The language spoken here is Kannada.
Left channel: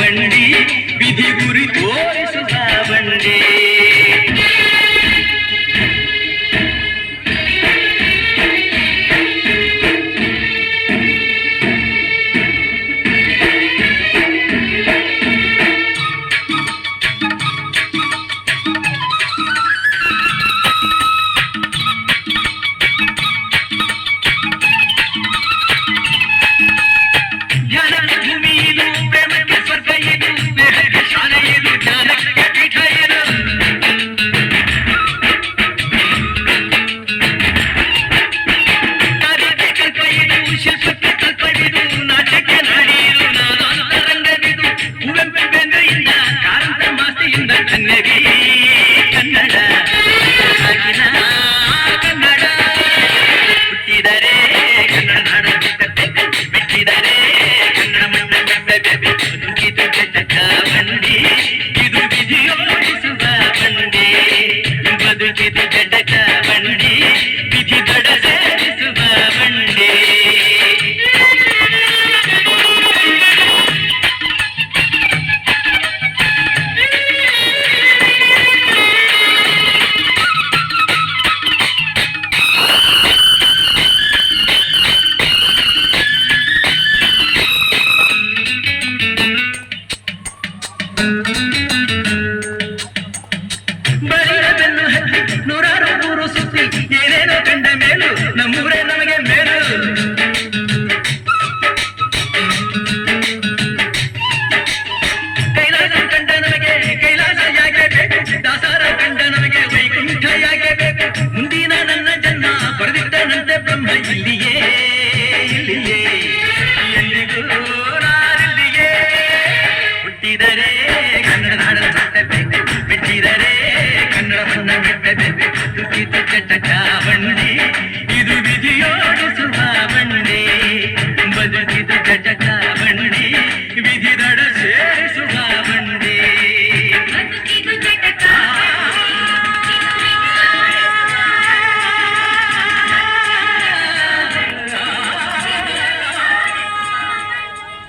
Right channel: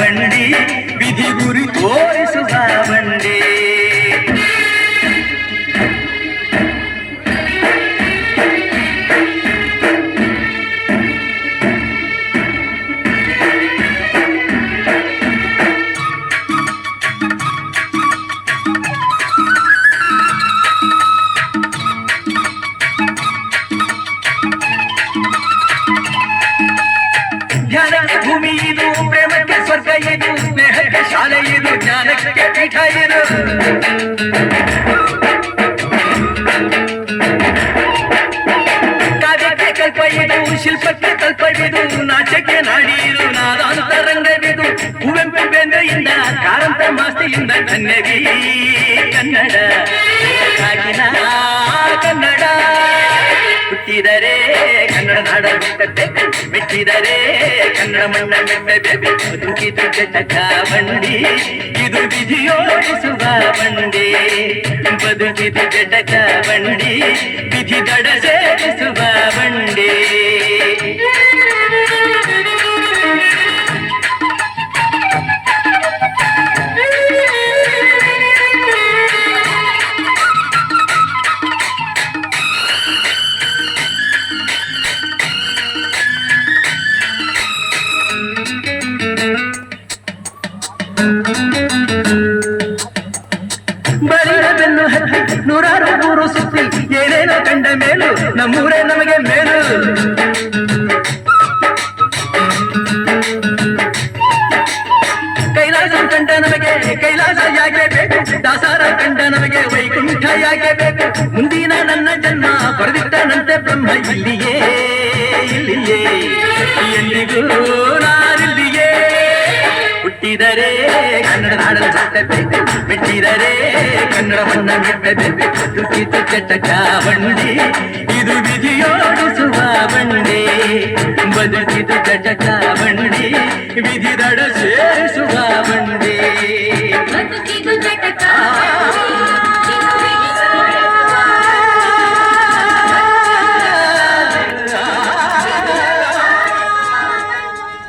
ಬಂಡಿ ವಿಧಿ ಗುರಿ ತೋರಿಸುವ ಬಂಡಿ. ಜ್ಞಾನದ ಭೂಮಿ ಇದು, ಪ್ರೇಮಕ್ಕೆ ಸ್ವರ್ಗ ಇದು, ಸ್ನೇಹಕ್ಕೆ ಶಾಲೆ ಇದು, ಜ್ಞಾನಕ್ಕೆ ಪೀಠ ಇದು. ಕಾರ್ಯಕ್ಕೆ ಕಲ್ಪ ಇದು, ಶಿಲ್ಪಕ್ಕೆ ಕಲ್ಪವಿದು, ನಾಟ್ಯಕ್ಕೆ ನಾಡಿದು, ನಾದಾಂತರಂಗವಿದು. ಕುವೆಂಪು ಬೆಂದೆಯಿಂದ ಕಾರಂತ ಮಾಸ್ತಿಯಿಂದ ಕನ್ನಡಿ ಕನ್ನಡ ಕನ್ನಡ ಹುಟ್ಟಿದರೆ ಕನ್ನಡ ನಾಡ ಬಿಟ್ಟಿದರೆ ಕನ್ನಡ ಮಣ್ಣ ಬದುಕಿದು ಜಟಕ ಬಂಡಿ ಇದು ವಿಧಿಯೋಡಿಸುವ ಬಂಡಿ. ಬದುಕಿದು ಜಟಕ ಬಂಡಿ ವಿಧಿ ದಡ ಸೇರಿಸುವ ಬಂಡಿ. ಬಲಿಯ ಬೆನ್ನು ಹತ್ತಿ ನೂರಾರು ಊರು ಸುತ್ತಿ ಏನೇನೋ ಕಂಡ ಮೇಲು ನಮ್ಮೂರೇ ನಮಗೆ ಮೇಲು. ಕೈಲಾಸ ಕಂಡ ನಮಗೆ ಕೈಲಾಸ ಯಾಕೆ ಬೇಕು, ದಾಸಾರ ಕಂಡ ನಮಗೆ ವೈಕುಂಠ ಯಾಕೆ ಬೇಕು. ಮುಂದಿನ ನನ್ನ ಜನ್ಮ ಬರೆದಿದ್ದಾನಂತೆ ಬ್ರಹ್ಮ ಇಲ್ಲಿಯೇ ಇಲ್ಲಿಯೇ ಎಂದಿಗೂ ನಾರಿಲ್ಲಿಯೇ. ಹುಟ್ಟಿದರೆ ಕನ್ನಡ ನಾಡಲು ಸತ್ತಬೇಕು, ಬಿಟ್ಟಿದರೆ ಕನ್ನಡ ಮಣ್ಣ ಮೆಟ್ಟಬೇಕು. ದುಃಖಿತ ಚಟಕ ಬಂಡಿ ಇದು ವಿಧಿಯೋಡಿಸುವ ಬಂಡಿ. ಬದುಕಿದು ಚಟಕ ಬಂಡಿ ವಿಧಿ ದಡ